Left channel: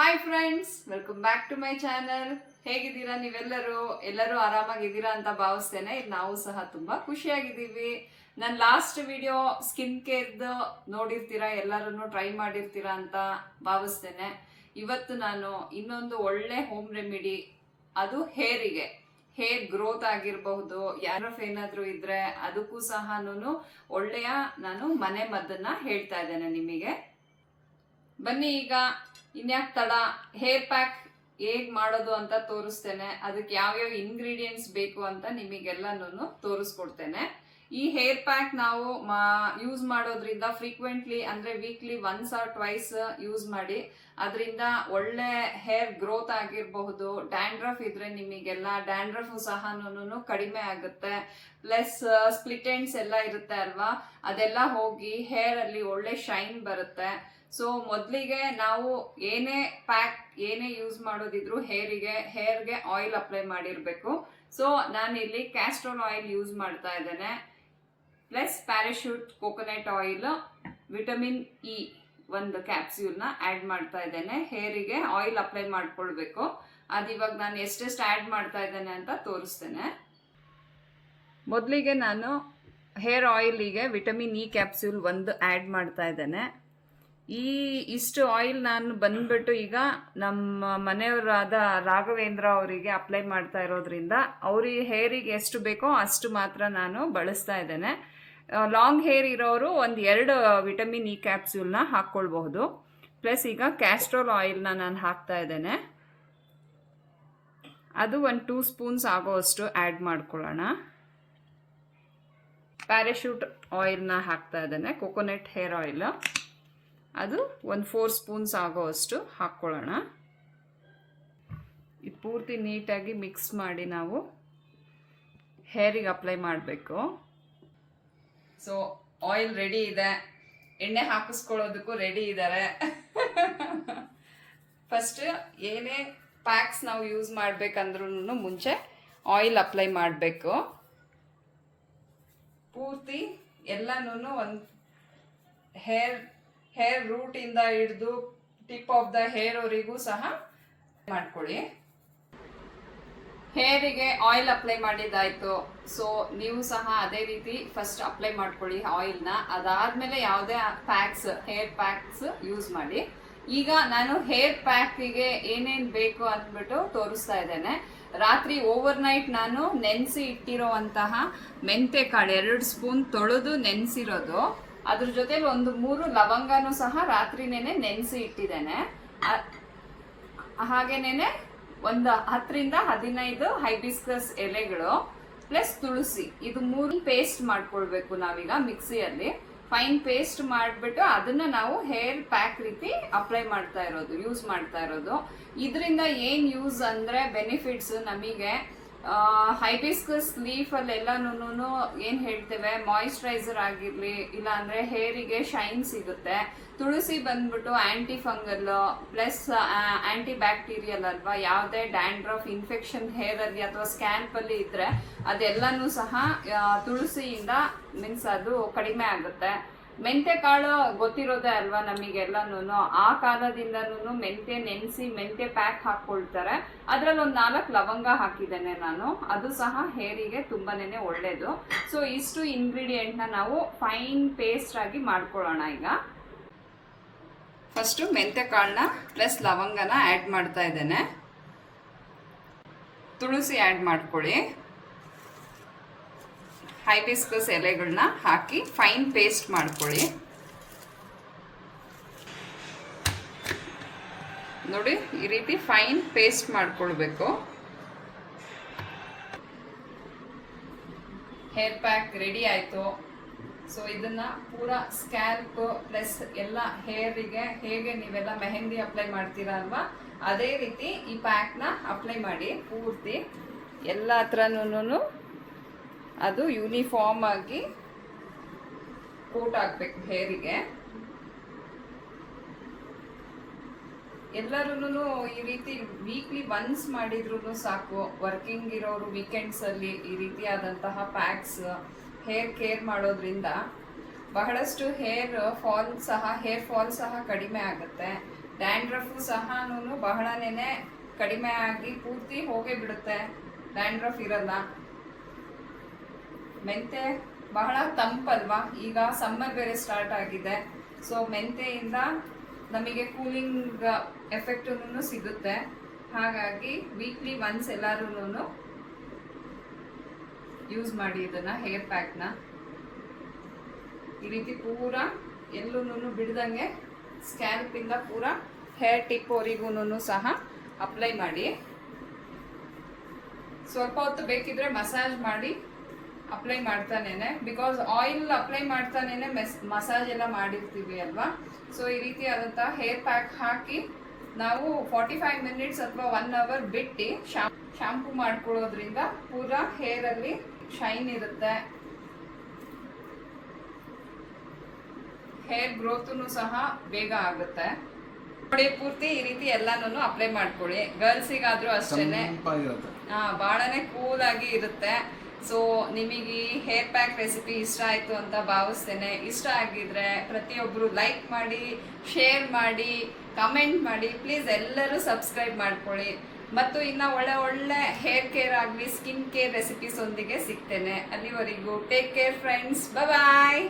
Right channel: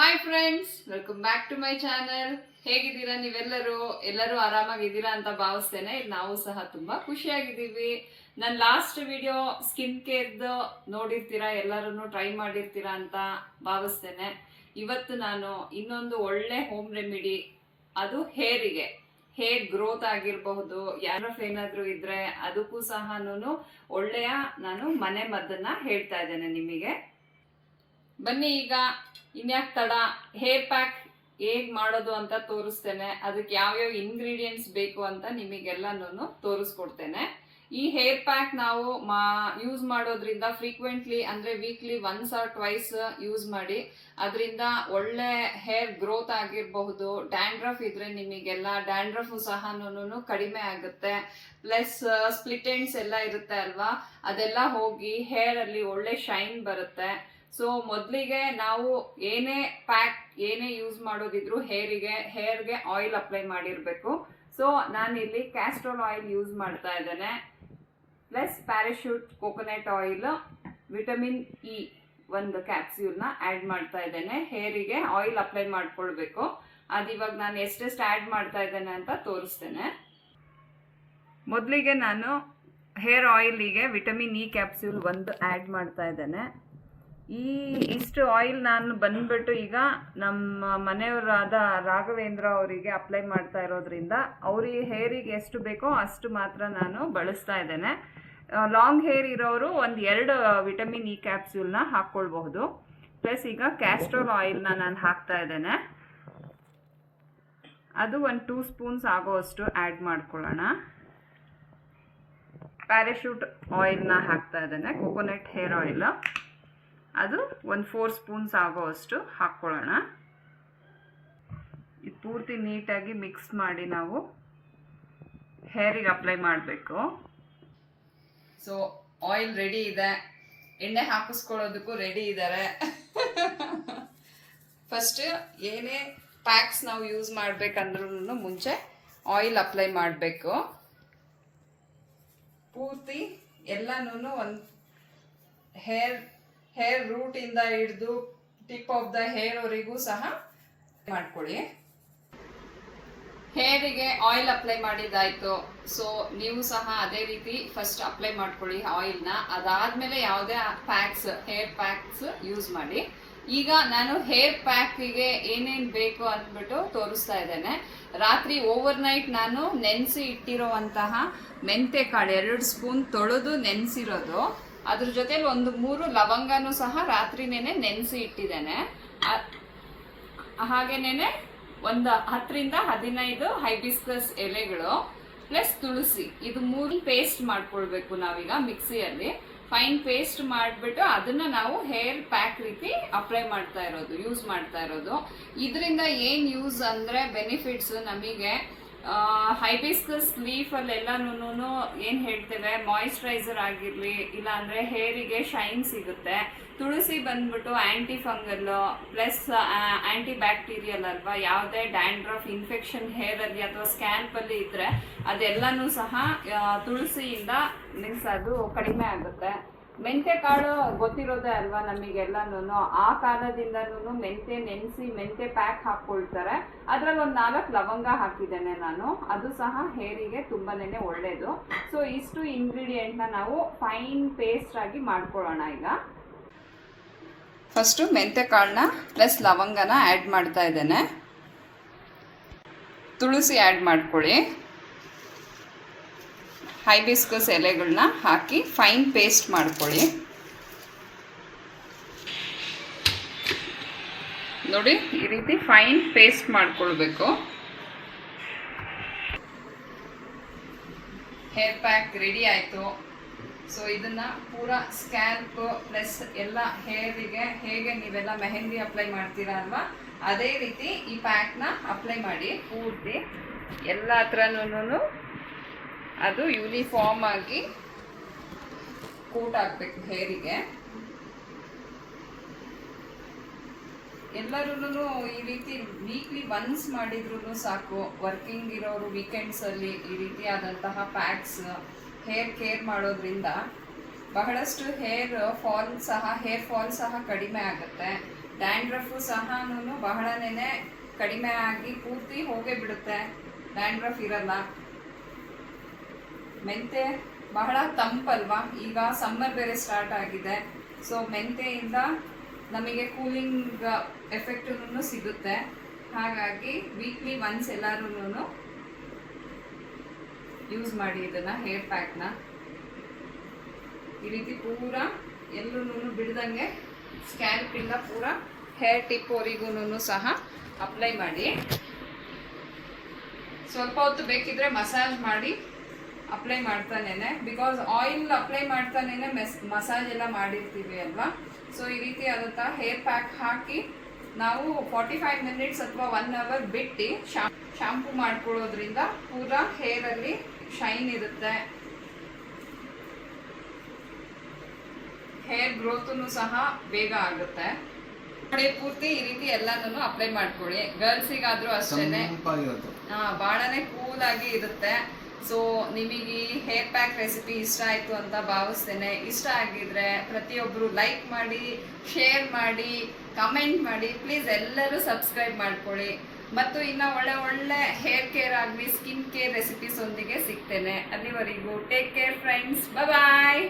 Hi friends, welcome back to my channel. ಹೇಗಿದ್ದೀರಾ ಎಲ್ಲರೂ ಆರಾಮಾಗಿದ್ದೀರಾ ಅಂತ ಭಾವಿಸ್ತೇನೆ. ನಾವು ಸಹ ತುಂಬಾ ಖುಷಿಯಾಗಿದ್ದೀವಿ. ನನ್ನ ಲಾಸ್ಟ್ ವಿಡಿಯೋ ಸ್ಕಿನ್ ಕೇರ್ದು ನೋಡಿರ್ತೀರಾ, ಎಲ್ಲರೂ ಟ್ರೈ ಮಾಡಿರ್ತೀರಾ ಅಂತ ಭಾವಿಸ್ತೇನೆ. ಇವತ್ತು ನಾನು ಇನ್ನೊಂದು ಒಳ್ಳೆ ಹೋಮ್ ರೆಮಿಡಿ, ಅದು ಹೇರ್ ಗ್ರೋತ್ ಆಗಿರಬಹುದು, ಯಾರಫ್ ಏನಾದ್ರೂ ಇದ್ರೆ ಅದಕ್ಕೂ ಸಹ ಒಳ್ಳೆಯ ನಾನು ಮನೆ ಮದ್ದನ್ನ ಹೇಳ್ತಾ ಇದ್ದೇನೆ ನಿಮಗೆ. ಬನ್ನಿ ಈಗ ಇನ್ಯಾಕ್ ತಡ, ಹೇರ್ ಪ್ಯಾಕ್ ಹೇಗ್ ಮಾಡೋದು ಅಂತ ತೋರಿಸ್ತೇನೆ. ಅದಕ್ಕೆ ಯಾವ್ಯಾವ ಇಂಗ್ರೀಡಿಯೆಂಟ್ಸ್ ಬೇಕು ಅಂತ ನಿಮಗೆಲ್ಲನೂ ತೋರಿಸ್ಕೊಡ್ತೇನೆ. ಈ ಹೇರ್ ಪ್ಯಾಕ್ ನಾವು ಯೂಸ್ ಮಾಡೋದ್ರಿಂದ ಫ್ರೀಕ್ವೆಂಟ್ಲಿ ಅಂದ್ರೆ weekly once or twice use ಮಾಡಿ. ಅದರಿಂದ ಒಳ್ಳೆ ಹೇರ್ ಗ್ರೋತ್ ಆಗಿರಬಹುದು. ಡ್ಯಾಂಡ್ರಫ್ ಇದ್ರೆ ನಿಮಗೆಲ್ಲ ಡ್ಯಾಂಡ್ರಫ್ ಸಹ ಕಡಿಮೆ ಆಗುತ್ತೆ. ಪ್ಲಸ್ ಸ್ಪ್ಲಿಟ್ ಎಂಡ್ಸ್ ಎಲ್ಲ ಇರುತ್ತೆ ಅಲ್ವಾ, ಅದೆಲ್ಲ ಹೋಗಿ ಹೇರ್ ಅಲ್ಲಿ ಒಳ್ಳೆ ಶೈನ್ ಬರುತ್ತೆ. ಸೊ ಮೊದಲಿಗೆ ನಾವು ಏನೇ ಯೂಸ್ ಮಾಡೋದಿದ್ರು ಹೇರ್ಗೆ ಆಯಿಲ್ ಅಪ್ಲೈ ಮಾಡಿರಬೇಕು. ಸೊ ನಾನಿಲ್ಲಿ ಕ್ಯಾಸ್ಟ್ರೋಲ್ ಆಯಿಲ್ ಯೂಸ್ ಮಾಡ್ತಾ ಇದ್ದೇನೆ. Plus parachute coconut oil, vitamin E ಒಂದು ಕ್ಯಾಪ್ಸ್ಯೂಲ್ನ ಆ್ಯಡ್ ಮಾಡ್ತಾ ಇದ್ದೇನೆ. ಹೇರಿಗೆ ಆಯಿಲ್ ಅಪ್ಲೈ ಮಾಡ್ಕೊಳ್ಬೇಕು. ಅದಿವಾಗ ನಾನು ಎಷ್ಟೆಷ್ಟು ಆ್ಯಡ್ ಮಾಡ್ತಾ ಇದ್ದೇನೆ ಅಂತ ತೋರಿಸ್ತೇನೆ. ಮೊದಲಿಗೆ ನಾನು ಹೇರ್ ಆಯಿಲಿಗೆ ವಿಟಮಿನ್ ಇ ಕ್ಯಾಪ್ಸ್ಯೂಲ್ ಒಂದು ಆ್ಯಡ್ ಮಾಡ್ತಾ ಇದ್ದೇನೆ. ಇಷ್ಟು ಆಯಿಲ್ ನಾನು ಬಂದ್ಬಿಟ್ಟು ಈಗ ನಮ್ಮ ಮನೆಯವರಾದ ರಾಘವೇಂದ್ರ ಅವರಿಗೆ ಅಪ್ಲೈ ಮಾಡ್ತಾ ಇರೋದ್ರಿಂದ ಅವ್ರಿಗೆ ಹೇರಿಗೆ ಎಷ್ಟು ಬೇಕೋ ಅಷ್ಟು ಮಾತ್ರ ನಾನು ಬಳಸ್ತಾ ಇದ್ದೇನೆ. ಲಾಂಗ್ ಹೇರ್ ಇರೋರು ಒಂದು 2 ವಿಟಮಿನ್ ಇ ಕ್ಯಾಪ್ಸ್ಯೂಲ್ನ ಹಾಕ್ಕೊಳ್ಬಹುದು. ಪ್ಲಸ್ ಈಗ ಕ್ಯಾಸ್ಟ್ರೋಲ್ ಆಯಿಲ್ನ ನಾನು ಹಾಕ್ತಾ ಇದ್ದೇನೆ. ಅದು ಒಂದು 2 ಸ್ಪೂನ್ಸ್ ಆಗೋವಷ್ಟು ಆ್ಯಡ್ ಮಾಡ್ಕೊಳ್ಳೋಣ. ಪ್ಯಾರಾಶೂಟ್ ಆಯಿಲ್ನ ಹಾಕ್ತಾ ಇದ್ದೇನೆ, ಕೋಕೋನಟ್ ಹೇರ್ ಆಯಿಲ್. ಅದು ಒಂದು 4 ಸ್ಪೂನ್ಸ್ ಆಗೋವಷ್ಟು ಹಾಕ್ಕೊಳ್ಳೋಣ. ಇದು ಪೂರ್ತಿ ನೀಟಾಗಿ ಮಿಕ್ಸ್ ಮಾಡಿ ನಾವು ಹೇರಿಗೆ ಅಪ್ಲೈ ಮಾಡಬೇಕು. ಸೊ ಆಯಿಲ್ ರೆಡಿ ಇದೆ, ಎಣ್ಣೆ ಹಾಕಿಸ್ಕೊಳ್ಳೋದಕ್ಕೂ ರೆಡಿ ಇದ್ದಾರೆ. ಫಸ್ಟ್ ಏನೇ ಪ್ಯಾಕ್ಸ್ ನಾವು ಯೂಸ್ ಮಾಡಬೇಕಂದ್ರೂ ಮುಂಚೆ ಆಯಿಲ್ ಅಪ್ಲೈ ಮಾಡಬೇಕು. ಪೂರ್ತಿ ಎಲ್ಲನೂ ಒಂದು ಹೇರ್ ರೂಟ್ ಇಂದ ಹಿಡಿದು ಟಿಪ್ ಆಫ್ ದ ಹೇರ್ ವರೆಗೂ ಸಹ ಮಾಡ್ಕೊಳ್ಳಿ. ಹೇರಿಗೆ ಆಯಿಲ್ ಅಪ್ಲೈ ಮಾಡಿದ್ದಾಯ್ತು. ಸೊ ನೀವು ಸಹ ಅದೇ ರೀತಿ ಫಸ್ಟ್ ಅಪ್ಲೈ ಮಾಡ್ಕೊಳ್ಳಿ ಆಯಿಲ್ನ. ಅದಾದ್ಮೇಲೆ ಯಾವುದೇ ಹೇರ್ ಪ್ಯಾಕ್ಸ್ ಯೂಸ್ ಮಾಡಿ. ಈಗ ನಾನು ಹೇರ್ ಪ್ಯಾಕಿಗೆ ಏನೇನು ಬೇಕು ಅಂದ್ಬಿಟ್ಟು ತೋರಿಸ್ತಾ ಇದ್ದೇನೆ. ರಾತ್ರಿ ಓವರ್ ನೈಟ್ ನಾನು ನೆನೆಸಿ ಇಟ್ಟಿರೋವಂತಹ ಮೆಂತೆ ಕಾಳು 2 ಸ್ಪೂನ್ ತೊಳೆದು ನೆನೆಸಿರೋದು. ಅದ್ರ ಜೊತೆಲಿ ಒಂದು 3 ಲವಂಗನೂ ಸಹ ರಾತ್ರಿನೇನೆ ನೆನೆಸಿ ಇಟ್ಟಿದ್ದೇನೆ. ಹಾಗೇನೇನೆ ಒಂದು 10ರಿಂದ 15 ಹೈಬಿಸ್ಕಸ್ ಎಲೆಗಳು, ಪ್ಲಸ್ ತುಳಸಿ. ಇದು 3 ಪೇಸ್ಟ್ ಮಾಡ್ಕೊಳ್ಬೇಕು ನಾವೀಗ ಮಿಕ್ಸಿಯಲ್ಲಿ. ಫೈನ್ ಪೇಸ್ಟ್ ಮಾಡಿಬಿಟ್ಟು ಅದನ್ನ ನಾವು ಹೇರ್ ಪ್ಯಾಕ್ ರೀತಿ ಅಪ್ಲೈ ಯೂಸ್ ಮಾಡ್ತಾ ಇರೋದು. ಇದರಿಂದ ಏನು ಯೂಸ್ ಅಂದರೆ ಬೆನಿಫಿಟ್ಸ್ ನಮಗೆ. ಹೈಬಿಸ್ಕಸ್ ಲೀಫಲ್ಲೆಲ್ಲನೂ ಏನು ಹೇಳ್ತೇವೆ, ಮಾಯಿಶ್ಚರೈಸರ್ ಆಗಿರಲಿ, ಇಲ್ಲಾಂದರೆ ಹೇರಿಗೆ ಶೈನ್ ಸಿಗುತ್ತೆ. ತುಳಸಿ ಬಂದ್ಬಿಟ್ಟು ಆ್ಯಂಟಿ ಫಂಗಲ್ ಪ್ಲಸ್ ಆ್ಯಂಟಿ ಬ್ಯಾಕ್ಟೀರಿಯಲ್ ಅಲ್ವಾ. ಯಾವುದೇ ಡ್ಯಾಂಡ್ರಫ್ ಇನ್ಫೆಕ್ಷನ್ ಹೇರಲ್ಲಿ ಅಥವಾ ಸ್ಕ್ಯಾಲ್ಪಲ್ಲಿ ಇದ್ದರೆ ಅದೆಲ್ಲನೂ ಸಹ ತುಳಸಿಯಿಂದ ಅದು ಕಡಿಮೆ ಆಗುತ್ತೆ. ಮೆಂತೆ ಕಾಳು ಗೊತ್ತಿರೋದೇ ಅಲ್ವಾ ನಮಗೆಲ್ಲನೂ. ಆ ಕಾಲದಿಂದನೂ ಮೆಂತೆ ನೆನೆಸಿ ಮೆಂತೆ ಪ್ಯಾಕ್ ಹಾಕ್ಕೊಳ್ತಾರೆ. ಅದರಲ್ಲಿ ಒಂದು 4 ಲವಂಗ ಹಾಕಿದ್ದೇನೆ ನಾನು. ಅದು ಸಹ ಹೇರಿಗೆ ತುಂಬಾನೇ ಒಳ್ಳೆಯದು. ಸೊ ಇಷ್ಟು ಇಂಗ್ರೀಡಿಯೆಂಟ್ನ ನಾವು ಫೈನ್ ಪೇಸ್ಟ್ ಆಗಿ ಮಾಡ್ಕೊಳ್ಳೋಣ. ಈಗ ಫಸ್ಟು ಮೆಂತೆ ಕಾಳನ್ನ ಪ್ಲಸ್ ಲವಂಗನ ಆ್ಯಡ್ ಮಾಡ್ತಾ ಇದ್ದೇನೆ. ತುಳಸಿ ಆ್ಯಡ್ ಮಾಡ್ಕೊಳ್ಳಿ. ಹೈಬಿಸ್ಕಸ್ ಎಲೆಗಳನ್ನ ಹಾಕಿ ಫೈನ್ ಪೇಸ್ಟ್ ಮಾಡ್ಕೊಳ್ಳಿ. ನೋಡಿ, ಈ ರೀತಿ ಫೈನ್ ಪೇಸ್ಟ್ ಮಾಡ್ಕೊಳ್ಬೇಕು. ಹೇರ್ ಪ್ಯಾಕ್ ರೆಡಿ ಆಯಿತು. ಸೊ ಇದನ್ನು ಪೂರಾ ಸ್ಕ್ಯಾಲ್ಪ್ ಪ್ಲಸ್ ಎಲ್ಲ ಹೇರಿಗೆ ಹೇಗೆ ನೀವೆಲ್ಲ ಮೆಹಂದಿ ಅಪ್ಲೈ ಮಾಡ್ತೀರಾ ಅಲ್ವಾ, ಅದೇ ರೀತಿ ಈ ಪ್ಯಾಕ್ನ ಅಪ್ಲೈ ಮಾಡಿ. ಪೂರ್ತಿ ಎಲ್ಲ ಹತ್ರನೂ ಅದು ಯೂನಿಫಾರ್ಮ್ ಆಗಿ ಕೋಟ್ ಆಗಬೇಕು ಹೇರಿಗೆ. ಎಲ್ಲರೂ ಈ ರೀತಿ ವೀಕ್ಲಿ ಒನ್ಸ್ ಮಾಡಿದ್ರೂ ಸಾಕು. ವರ್ಕಿಂಗ್ ಇರೋರು ವೀಕೆಂಡ್ಸಲ್ಲಿ ಈ ರೀತಿಯಾದಂತಹ ಪ್ಯಾಕ್ಸ್ ಹೇರ್ ಕೇರ್ ಮಾಡೋದ್ರಿಂದ ಬಹಳಷ್ಟು ಹೇರ್ ಫಾಲ್ ಸಹ ಕಡಿಮೆ ಆಗುತ್ತೆ. ಡ್ಯಾಂಡ್ರಫು ಸಹ ಬಹಳನೇ ಕಡಿಮೆ ಆಗಿ ಪೂರ್ತಿ ಹೋಗೇ ಬಿಡುತ್ತೆ, ಡ್ಯಾಂಡ್ರಫ್ ಇರಲ್ಲ. ಮೆಂತೆ ಬಹಳ ತಂಪಲ್ವಾ, ಈಗ ಸಮ್ಮರ್ ಬೇರೆ ಸ್ಟಾರ್ಟ್ ಆಗಿದೆ. ಸೊ ಮೆಂತೆಯಿಂದ ನಮಗೆ ಕೂಲಿಂಗ್ ಎಫೆಕ್ಟೂ ಸಿಗುತ್ತೆ. ಹಾಗಾಗಿ ವೀಕ್ಲಿ ಒನ್ಸ್ ಎಲ್ಲರೂ ಯೂಸ್ ಮಾಡಿ ಇದನ್ನು, ಹೇರ್ ಪ್ಯಾಕ್ನ ಈ ರೀತಿ ಪೂರ ಎಲ್ಲೂ ಬಿಡ್ದಂಗೆ ಸ್ಕ್ಯಾಲ್ಪಿಂದ ಪೂರ ಹೇರ್ ಟಿಪ್ವರೆಗೂ ಸಹ ಅಪ್ಲೈ ಮಾಡಿ. ಸ್ವಲ್ಪ ಹೊತ್ತು ಬೇಕಿದ್ರೆ ಮಸಾಜ್ ಮಾಡಿ ಅಪ್ಲೈ ಮಾಡ್ತಾನೇನೆ, ಬಿಕಾಸ್ ಆಯಿಲ್ ಅಪ್ಲೈ ಮಾಡ್ತಾನೇನೆ ಮಸಾಜ್ ಎಲ್ಲ ಮಾಡಿರ್ತೀವಿ ಅಲ್ವಾ. ಸೊ ಈ ರೀತಿ ಆದಂಥ ಹೇರ್ ಪ್ಯಾಕ್ ಹಾಕಿ ನಾವು 45 ಮಿನಿಟ್ಸ್ ಅಥವಾ 1 ಅವರ್ ಬಿಟ್ಟು ಶಾಂಪೂ ಮಾಡ್ಕೊಳ್ಳೋದ್ರಿಂದ ಪೂರ ಹೇರಲ್ಲಿ ಶೈನ್ ಇರುತ್ತೆ, ಹೇರ್ ಗ್ರೋತೂ ಸಹ ಬೇಗ ಆಗುತ್ತೆ. ನೋಡಿ ಪೂರ್ತಿ ಈ ರೀತಿ ಎಲ್ಲಾನು ಅಪ್ಲೈ ಮಾಡ್ಕೊಳ್ಳಿ. ಗರ್ಲ್ಸಿಗಾದ್ರೂ ಅಷ್ಟೇನೆ ಭಾಳನೇ ಕೂಲ್ ಆಗಿ ಇರುತ್ತೆ. ಸೊ ನಿಮಗೆ ಹೇರ್ ಪ್ಯಾಕ್ ರೆಸಿಪಿ ಇಷ್ಟ ಆಯಿತು ಅಂತ ಭಾವಿಸ್ತೇನೆ. ಇಷ್ಟ ಆಗಿದ್ರೆ ಪ್ರತಿಯೊಬ್ಬರು ಲೈಕ್ ಮಾಡಿ, ಶೇರ್ ಮಾಡಿ, ಕಮೆಂಟ್ ಮಾಡಿ. ಪ್ಲೀಸ್ ಎಲ್ಲರೂ ಸಬ್ಸ್ಕ್ರೈಬ್ ಮಾಡ್ಕೊಳ್ಳಿ. ಮತ್ತು ಇನ್ನು ಒಳ್ಳೆ ಹೇರ್ ಕೇರ್ ಆಗಲಿ ಸ್ಕಿನ್ ಕೇರ್ ರೆಸಿಪೀಸ್ ಒಂದಿಗೆ ಸಿಗ್ತೇನೆ. ಅಲ್ಲಿವರೆಗೂ ಟೇಕ್ ಕೇರ್ ಫ್ರೆಂಡ್ಸ್, ಬಾಯ್.